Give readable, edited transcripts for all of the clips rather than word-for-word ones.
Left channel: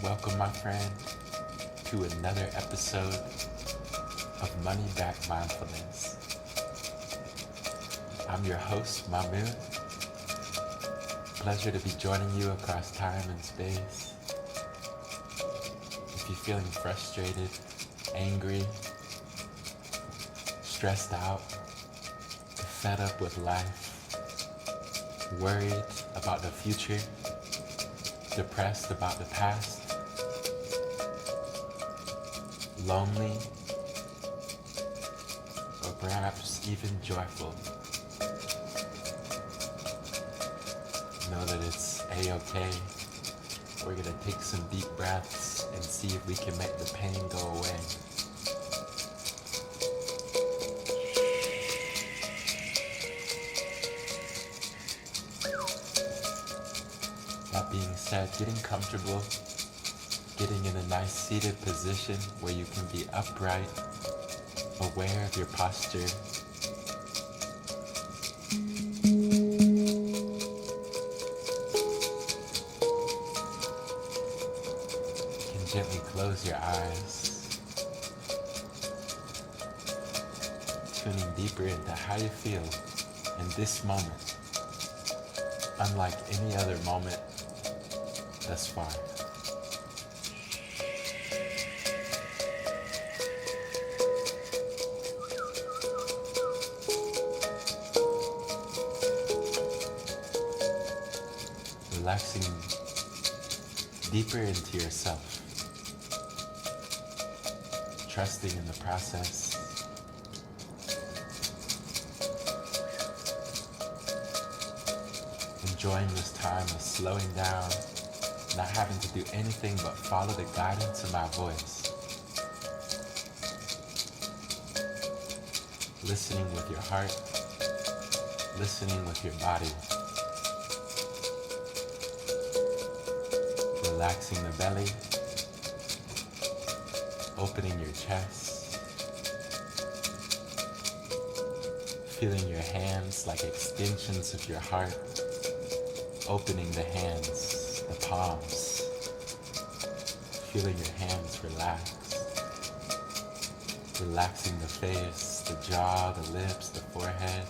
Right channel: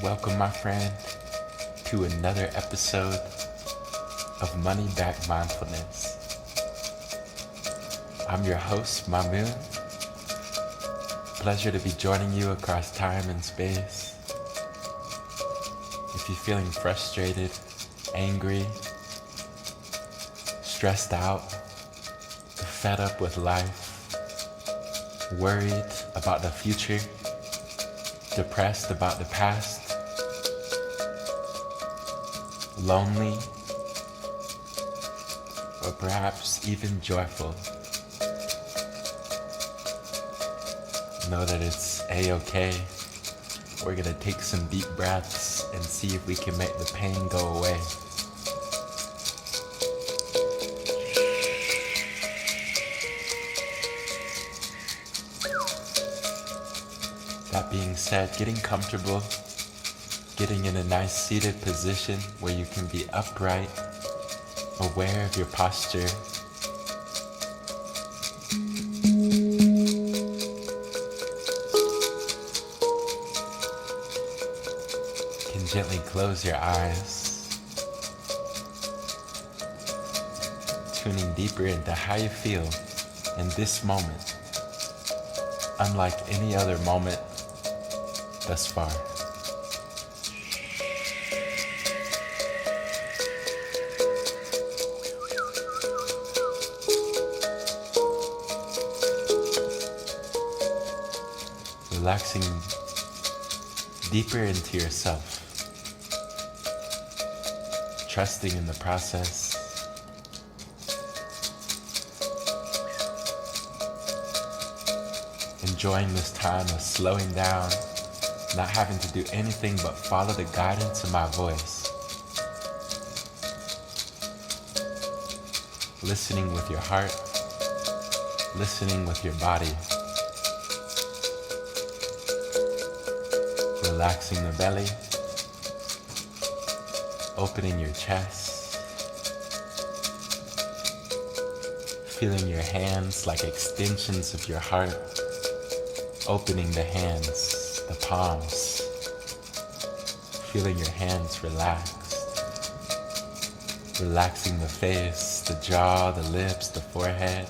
Welcome, my friend, to another episode of Money Back Mindfulness. I'm your host, Mamoon. Pleasure to be joining you across time and space. If you're feeling frustrated, angry, stressed out, fed up with life, worried about the future, depressed about the past, lonely, or perhaps even joyful, know that it's a-okay. We're gonna take some deep breaths and see if we can make the pain go away. That being said, getting comfortable, getting in a nice seated position where you can be upright, aware of your posture. You can gently close your eyes, tuning deeper into how you feel in this moment, unlike any other moment thus far. Relaxing deeper into yourself, trusting in the process, enjoying this time of slowing down, not having to do anything but follow the guidance of my voice, listening with your heart, listening with your body. Relaxing the belly, opening your chest, feeling your hands like extensions of your heart, opening the hands, the palms, feeling your hands relaxed, relaxing the face, the jaw, the lips, the forehead.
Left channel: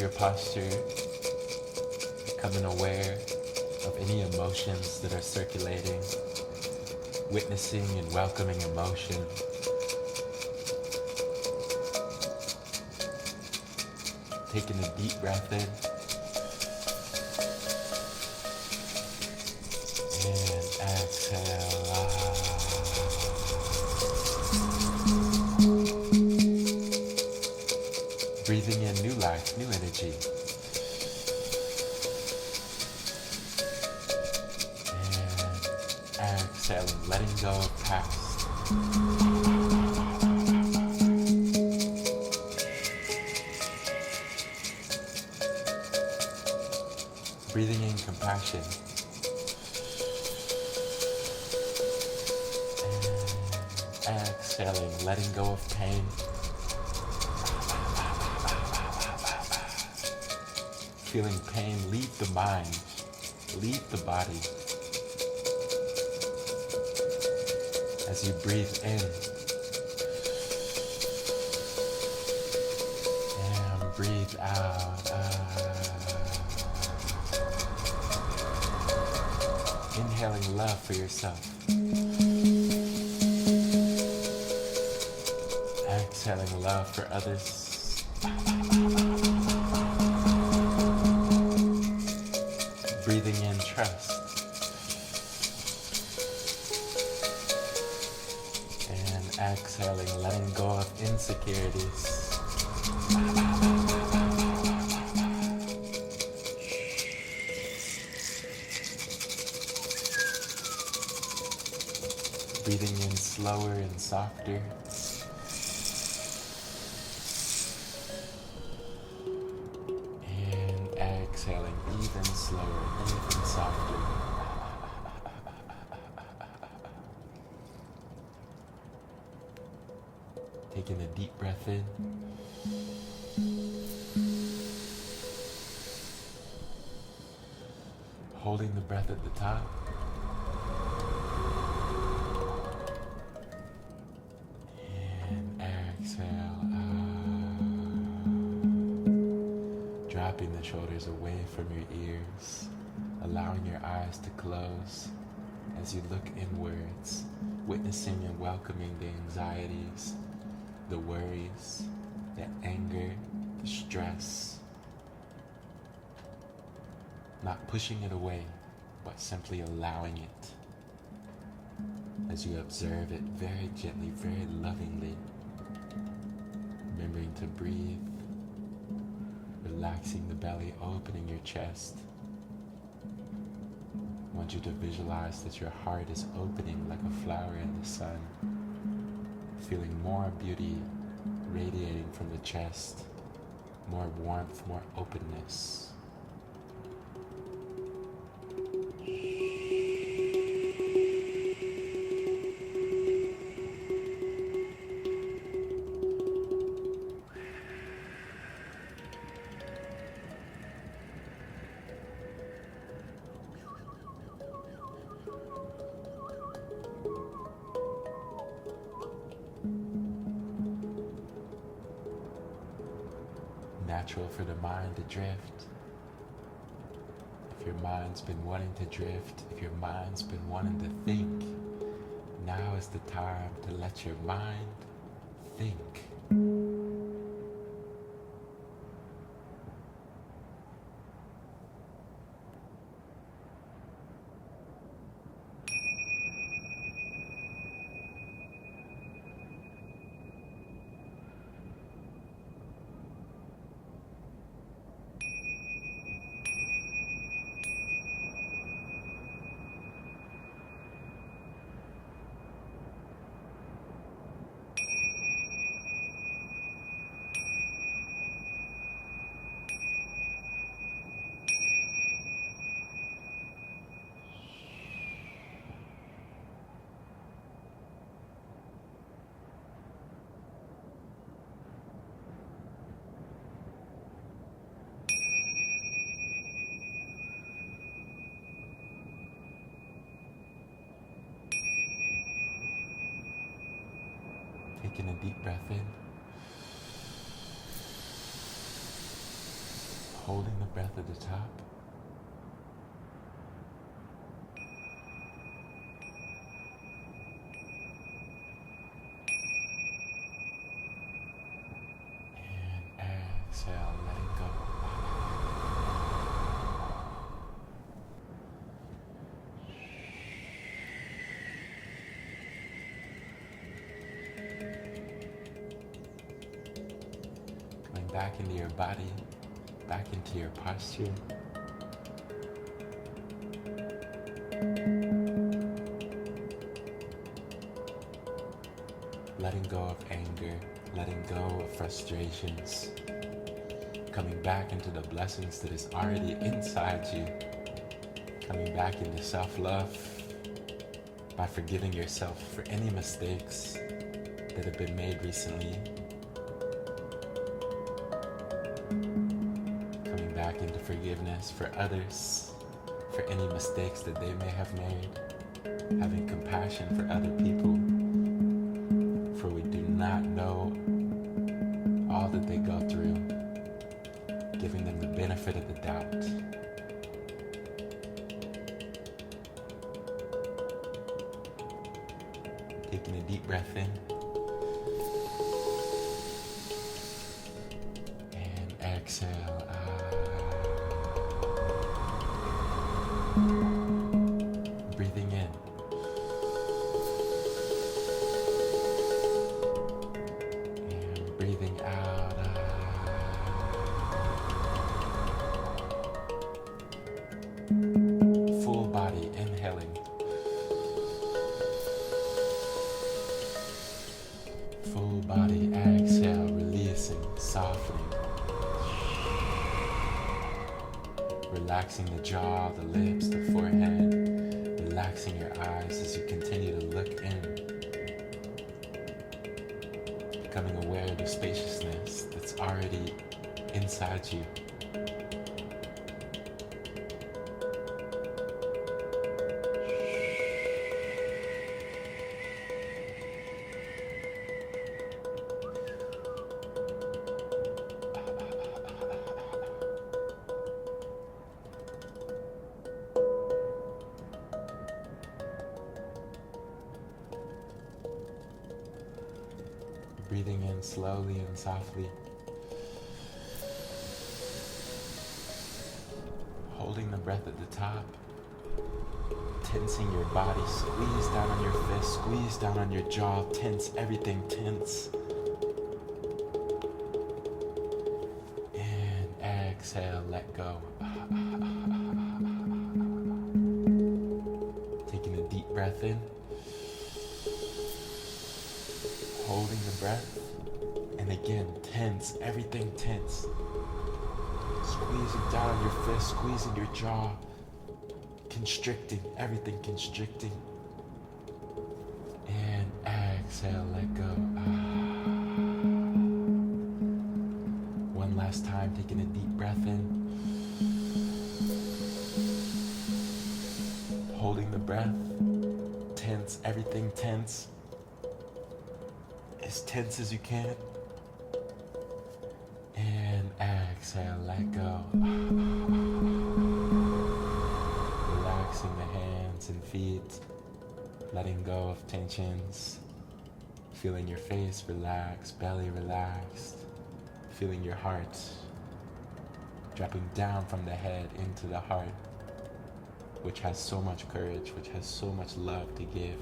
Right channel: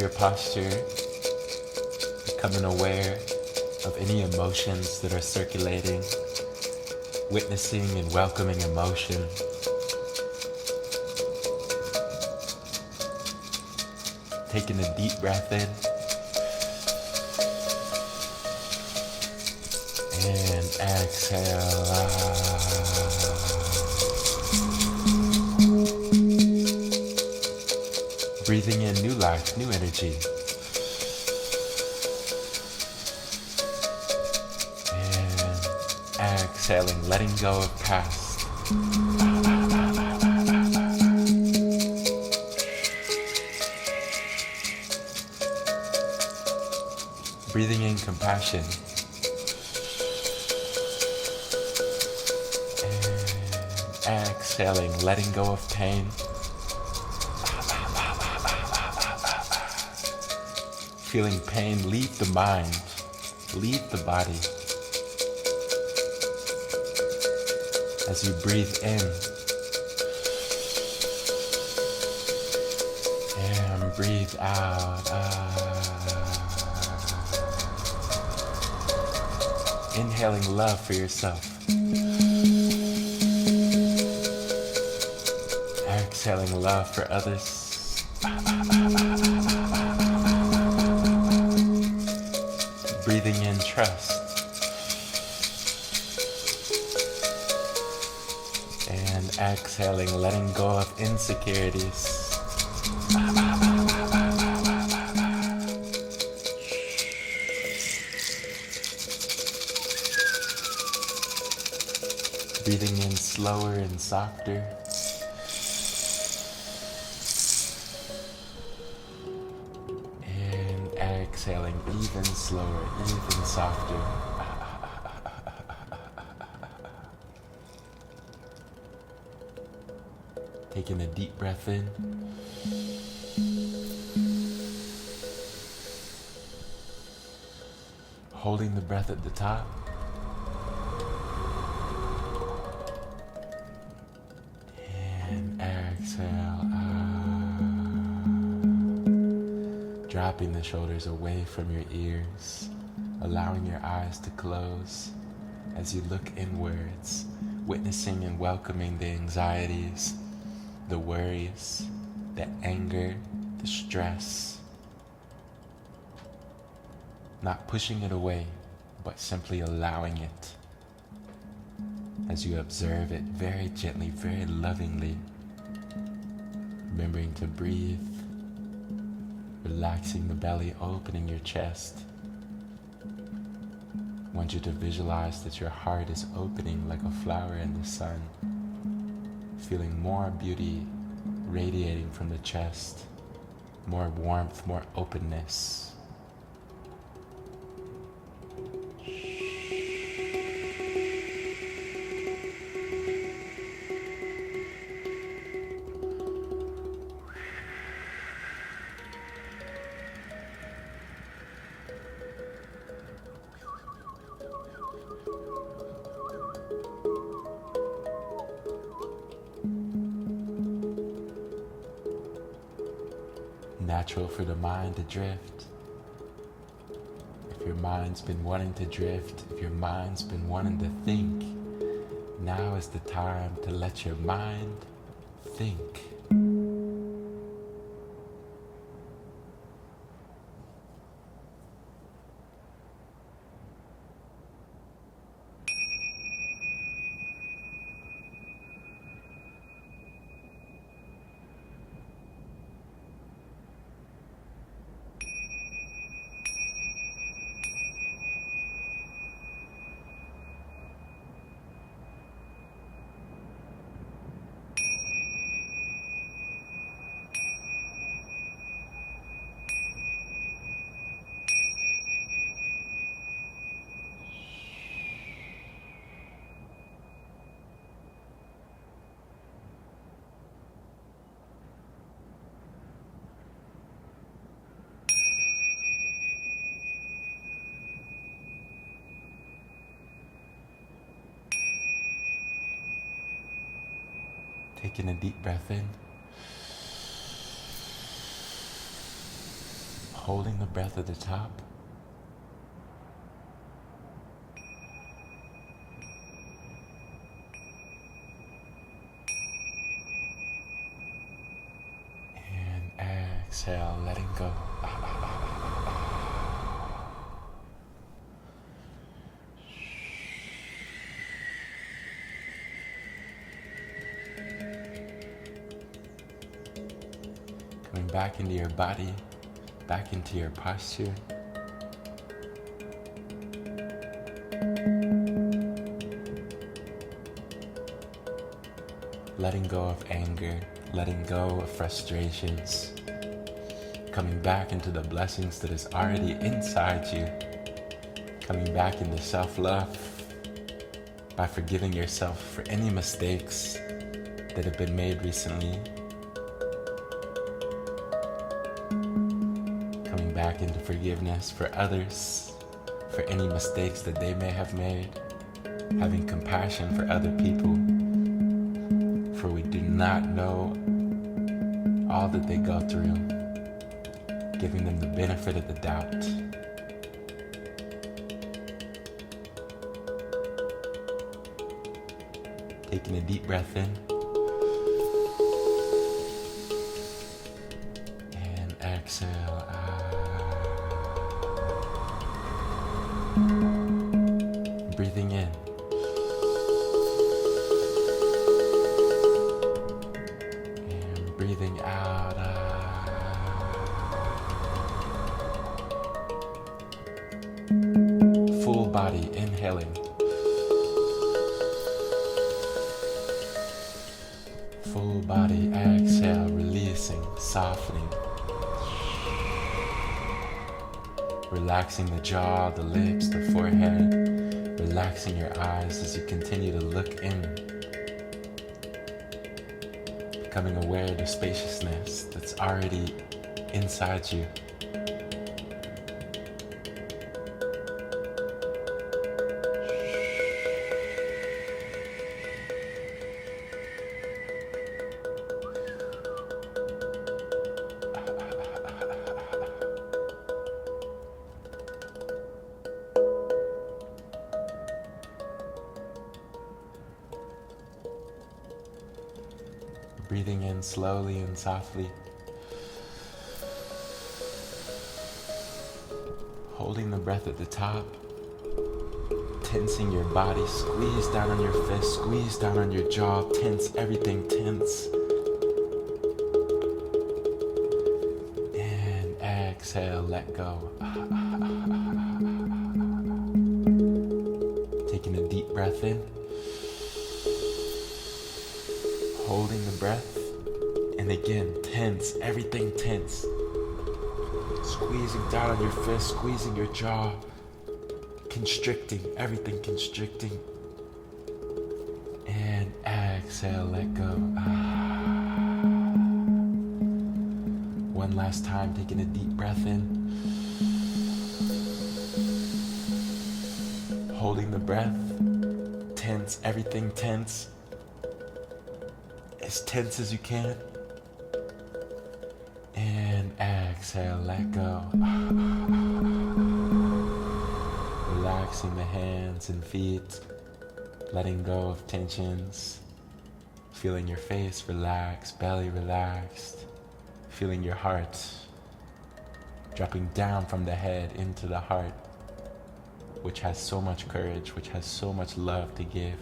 Your posture, becoming aware of any emotions that are circulating, witnessing and welcoming emotion. Taking a deep breath in and exhale. Breathing in new life, new energy. And exhaling, letting go of past. Breathing in compassion. And exhaling, letting go of pain. feeling pain, leave the mind, leave the body. As you breathe in and breathe out. Inhaling love for yourself. Exhaling love for others. Breathing in trust. And exhaling, letting go of insecurities. Breathing in slower and softer. And exhaling even slower, even softer. Taking a deep breath in. Holding the breath at the top. And exhale. Dropping the shoulders away from your ears, allowing your eyes to close as you look inwards, witnessing and welcoming the anxieties, the worries, the anger, the stress. Not pushing it away, but simply allowing it as you observe it very gently, very lovingly. Remembering to breathe, relaxing the belly, opening your chest. I want you to visualize that your heart is opening like a flower in the sun, feeling more beauty radiating from the chest, more warmth, more openness. Natural for the mind to drift. If your mind's been wanting to drift, if your mind's been wanting to think, now is the time to let your mind think. Taking a deep breath in. Holding the breath at the top. And exhale, letting go. Coming back into your body, back into your posture. Letting go of anger, letting go of frustrations. Coming back into the blessings that is already inside you. Coming back into self-love by forgiving yourself for any mistakes that have been made recently. Coming back into forgiveness for others, for any mistakes that they may have made, having compassion for other people, for we do not know all that they go through, giving them the benefit of the doubt. Taking a deep breath in and exhale out. Breathing in and breathing out. Full body inhaling. Full body exhale, releasing, softening. Relaxing the jaw, the lips, the forehead. Relaxing your eyes as you continue to look in. Becoming aware of the spaciousness that's already inside you. Breathing in slowly and softly. Holding the breath at the top. Tensing your body. Squeeze down on your fist. Squeeze down on your jaw. Tense everything. Tense. And exhale. Let go. Taking a deep breath in. Holding the breath, and again, tense, everything tense. Squeezing down on your fist, squeezing your jaw, constricting, everything constricting. And exhale, let go. One last time, taking a deep breath in. Holding the breath, tense, everything tense. As tense as you can. And exhale, let go. Relaxing the hands and feet. Letting go of tensions. Feeling your face relax, belly relaxed. Feeling your heart dropping down from the head into the heart, which has so much courage, which has so much love to give.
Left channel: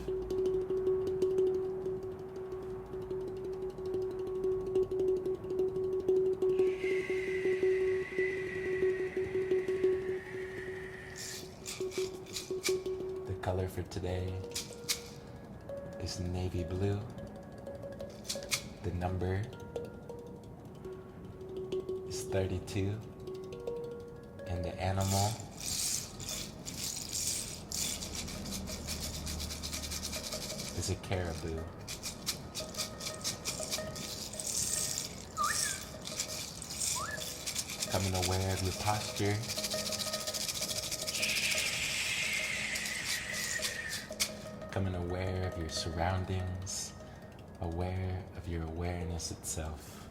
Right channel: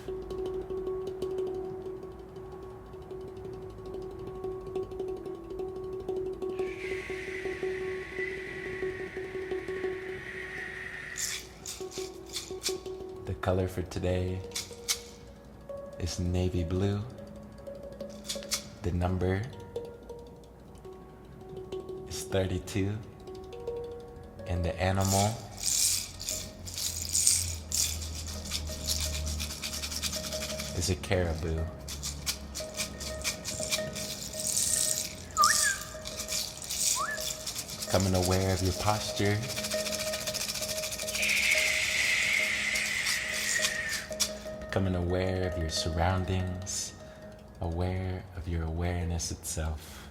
The color for today is navy blue. The number is 32. And the animal is a caribou. Becoming aware of your posture. Becoming aware of your surroundings, aware of your awareness itself.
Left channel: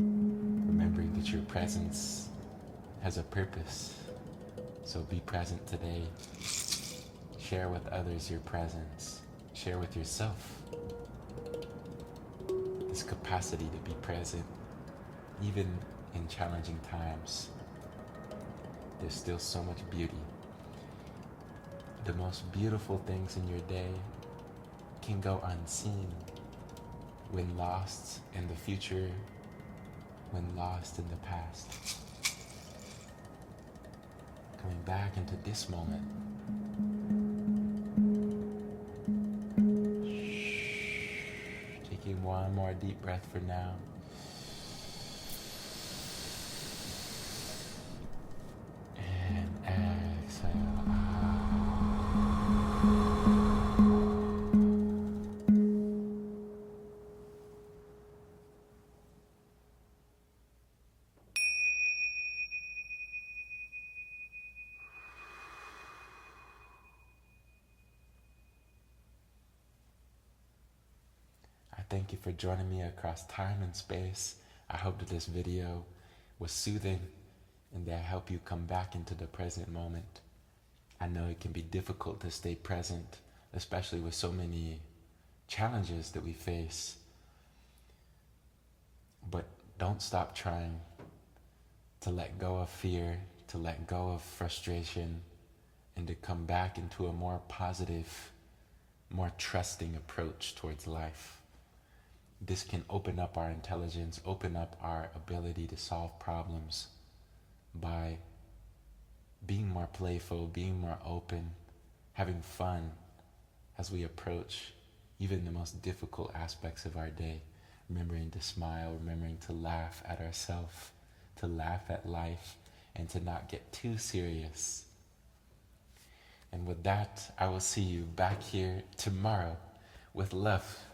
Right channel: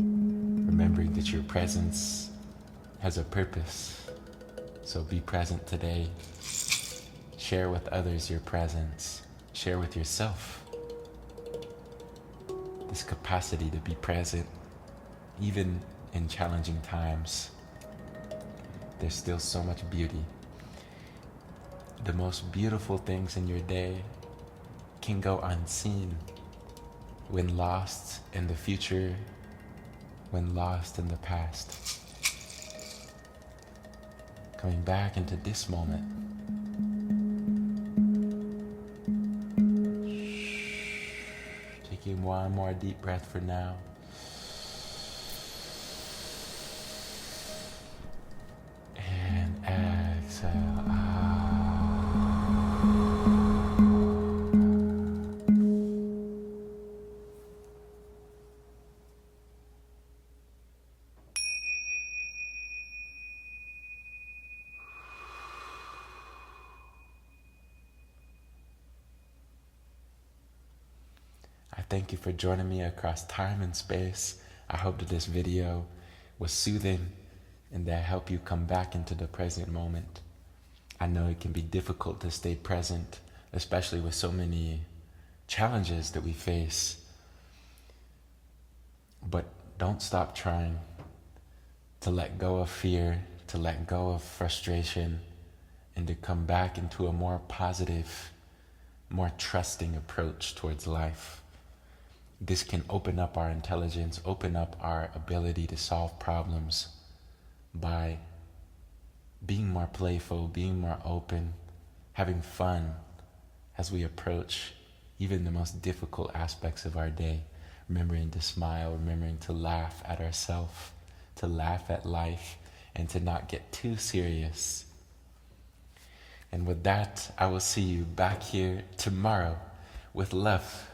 Remembering that your presence has a purpose. So be present today. Share with others your presence. Share with yourself this capacity to be present, even in challenging times. There's still so much beauty. The most beautiful things in your day can go unseen when lost in the future, when lost in the past. Coming back into this moment. Taking one more deep breath for now. And exhale out. thank you for joining me across time and space. I hope that this video was soothing and that helped you come back into the present moment. I know it can be difficult to stay present, especially with so many challenges that we face. But don't stop trying to let go of fear, to let go of frustration, and to come back into a more positive, more trusting approach towards life. This can open up our intelligence, open up our ability to solve problems by being more playful, being more open, having fun as we approach even the most difficult aspects of our day, remembering to smile, remembering to laugh at ourselves, to laugh at life, and to not get too serious. And with that, I will see you back here tomorrow with love.